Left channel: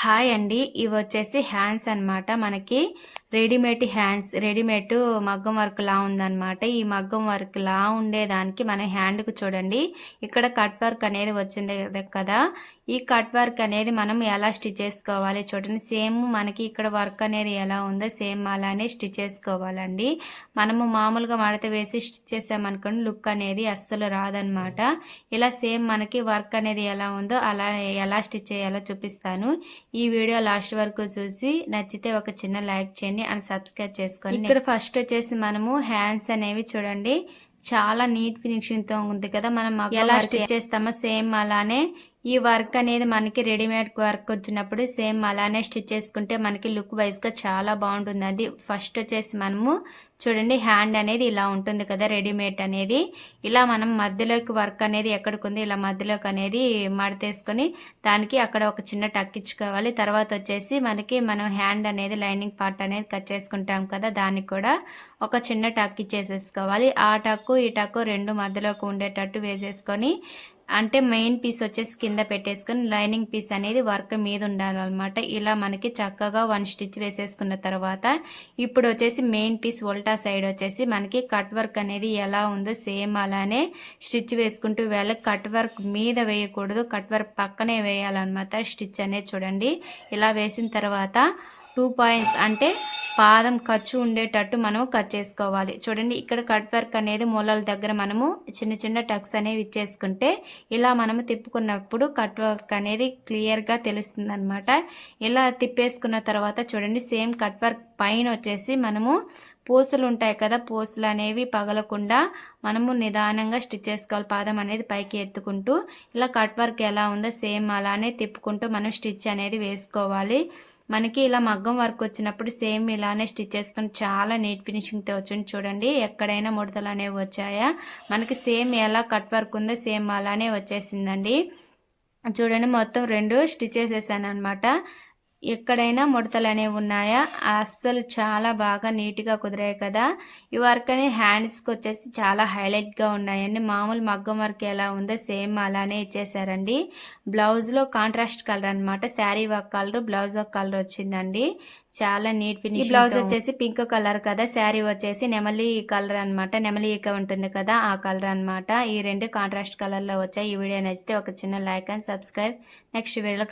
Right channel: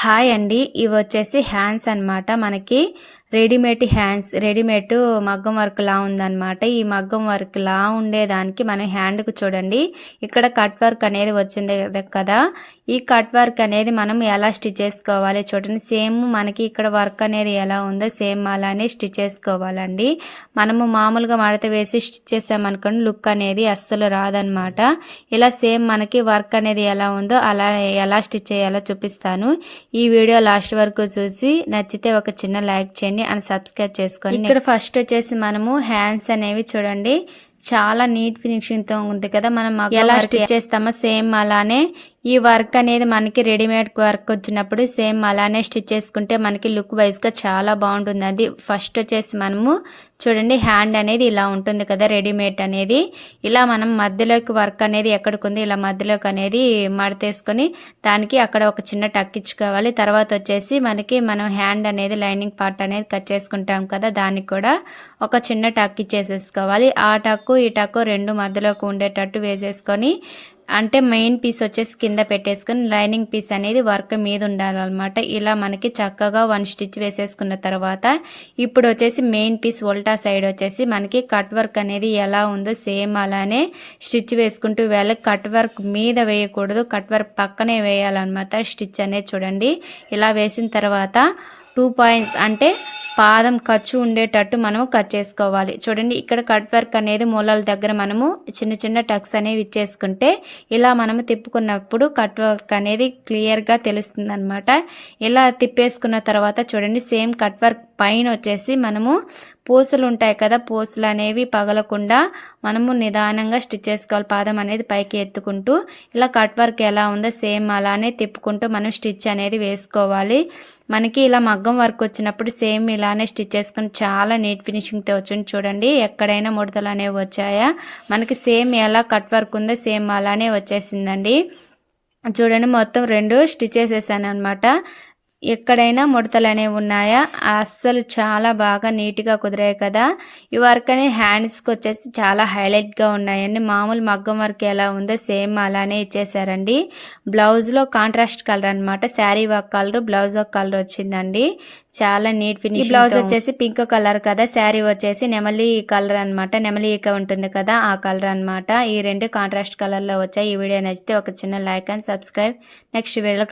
Hi అండి. ఇవి వచ్చేసి హ్యాండ్స్ అన్నమాట. మనకి రెడీమేడ్ హ్యాండ్స్ రెడీమేడ్ మగ్గం వర్క్ లా ఉందన్నమాట. ఈ మగ్గం వర్క్ లా ఉండేదానికి మన హ్యాండ్కి చూడండి. ఇక్కడ కట్ వర్క్ అనేది వచ్చింది కదా. ఈ కట్ వర్క్ అనేది మనం ఎలా స్టిచ్ చేసుకోవాలి చూడండి. సేమ్ మనకి ఇక్కడ వర్క్ అనేది ఎలా ఉందో సేమ్ అలానే స్టిచ్ చేసుకోవాలండి. మనము మామూలుగా మడత వేసి స్టిచ్ చేసామనుకోండి లుక్ అనేది అస్సలు రాదనమాట ఇలా సేమ్ మనకి వర్క్ అనేది ఎలా ఉందో అలా ఎలా స్టిచ్ చేయాలో చూపిస్తాను. ఈ వీడియో లాస్ట్ వరకు చూసి నచ్చితే ఒక చిన్న లైక్ చేయండి అండ్ సబ్స్క్రైబ్ చేసుకోండి ఇక్కడ ఫస్ట్ వచ్చేసి మనము హ్యాండ్స్ అనేవి చూడండి. చాలా నీట్ ఫినిషింగ్తో ఉంది కదా మనం ఎలా స్టిచ్ చేస్తామో సేమ్ అలానే ఈ వర్క్ అనేది మనకి రెడీమేడ్ వర్క్ వచ్చినప్పుడు సేమ్ అలానే స్టిచ్ చేసుకుంటే మనకి లుక్ వైజ్గా చాలా బాగుంటుంది. అది ఫస్ట్ వచ్చేసి మనము చూడండి హ్యాండ్ అనేది ఇలా ఉంటుంది కదా రెడీమేడ్ అనేది. ఇలా మనం మధ్యలోకి వర్క్ అనేది ఎక్కడికి ఇలా మధ్యలోకి అనేది మడతేసుకొని దానికి అక్కడ ఒక చిన్న టక్ ఇచ్చుకోవాలి. తర్వాత వచ్చేసి మనకి మనం హ్యాండ్ అనేది లైనింగ్ పార్ట్ అనేది కట్ చేసుకుంటాం కదా దానికి కూడా ఒక చిన్న టక్ ఇచ్చేసేసుకోవాలి. ఆ టక్కు ఈ టక్కు రెండు మధ్యలోకి ఉండేటట్టు వేసేసుకొని అంటే మెయిన్ పీస్ వచ్చేసి కింద పెట్టేసుకొని లైనింగ్ పీస్ అనేది వర్క్ మీద ఉండాలన్నమాట. ఇలా మనకి చక్కగా వన్ స్టిచ్ వేసేసుకున్న తర్వాత ఇప్పుడు వచ్చేసి మెయిన్ పీస్ ఉల్టా సైడ్ వచ్చేసి మనకి కట్ వర్క్ అనేది ఎలా ఉందో సేమ్ అలానే స్టిచ్ వేసుకుంటూ వెళ్ళి కట్ వర్క్ మీద వేయకూడదు. కట్ వర్క్ పక్కనే వేయాలన్నమాట. స్టిచ్ అనేది చూడండి. ఇలా వేసిన తర్వాత టూ పాయింట్స్ అంటే పాదం ఖర్చు ఉండేటట్టు మనము కట్ చేసుకోవాలి. చూడండి ఇక్కడ కట్ వర్క్ అనేది మూలల దగ్గర మనము చిన్న చిన్న టక్స్ అనేవి ఇచ్చేసుకుంటే ఇలా మనము తిప్పుకున్నప్పుడు కట్ వర్క్ అనేది క్లియర్గా తెలుస్తుంది అనమాట ఇలా తిప్పేసుకున్న తర్వాత చూడండి సేమ్ కట్ వర్క్ పైన వచ్చేసి మనము పూసలు ఉంటాయి కదా పూసలు అనేవి పగలకుండా మనము నిదానంగా స్టిచ్ చేసుకోవాలి. పాదం అనేది పైకి ఎత్తుకుంటూ ఇలా కట్ వర్క్ ఎలా ఉందో సేమ్ అలానే తిప్పుకుంటూ మనం స్టిచ్ అనేది వేసుకోవాలి. మనకి ఇలా మగ్గం వర్క్ వచ్చినప్పుడు సేమ్ ఇలానే స్టిచ్ చేసుకుని చాలా నీట్ ఫినిషింగ్తో వచ్చింది చూడండి. ఎక్కడైనా ముడతలు అనేవి వచ్చాయా? మనకి సేమ్ ఎలా కట్ వర్క్ ఉందో సేమ్ అలానే వచ్చేసిందండి. చూడండి మొత్తం రెండు స్టిచ్ వేసేసాను అనమాట ఎక్కడైనా ముడతలు అనేవి ఉన్నాయా? అస్సలు చాలా బాగా నీట్గా కుదిరాయి కదా. ఈ వర్క్ అనేది హ్యాండ్స్కి వచ్చేసి చాలా హైలైట్గా ఉన్నాయండి. మామూలు మగ్గం వర్క్ ఎలా ఉందో సేమ్ అలానే ఇచ్చేసారండి. బ్లౌజ్లో కాంట్రాస్ట్ కలర్ అనమాట శారీ వర్క్ కలర్ బ్లౌజ్ ఒక కలర్ వచ్చిందండి. చాలా నీట్ ఫినిష్ బ్లౌజ్ వచ్చేసి పింక్ కలర్ కదా. శారీ వచ్చేసి నెమలి కలర్ అనమాట నెమలి ఈక ఉంటుంది కదా ఆ కలర్ అనమాట ఈ రెండు కాంట్రాస్ట్ కలర్లో వచ్చాయి. ఈ వీడియో నచ్చితే ఒక చిన్న లైక్ అండ్ సబ్స్క్రైబ్. నెక్స్ట్ వీడియోలో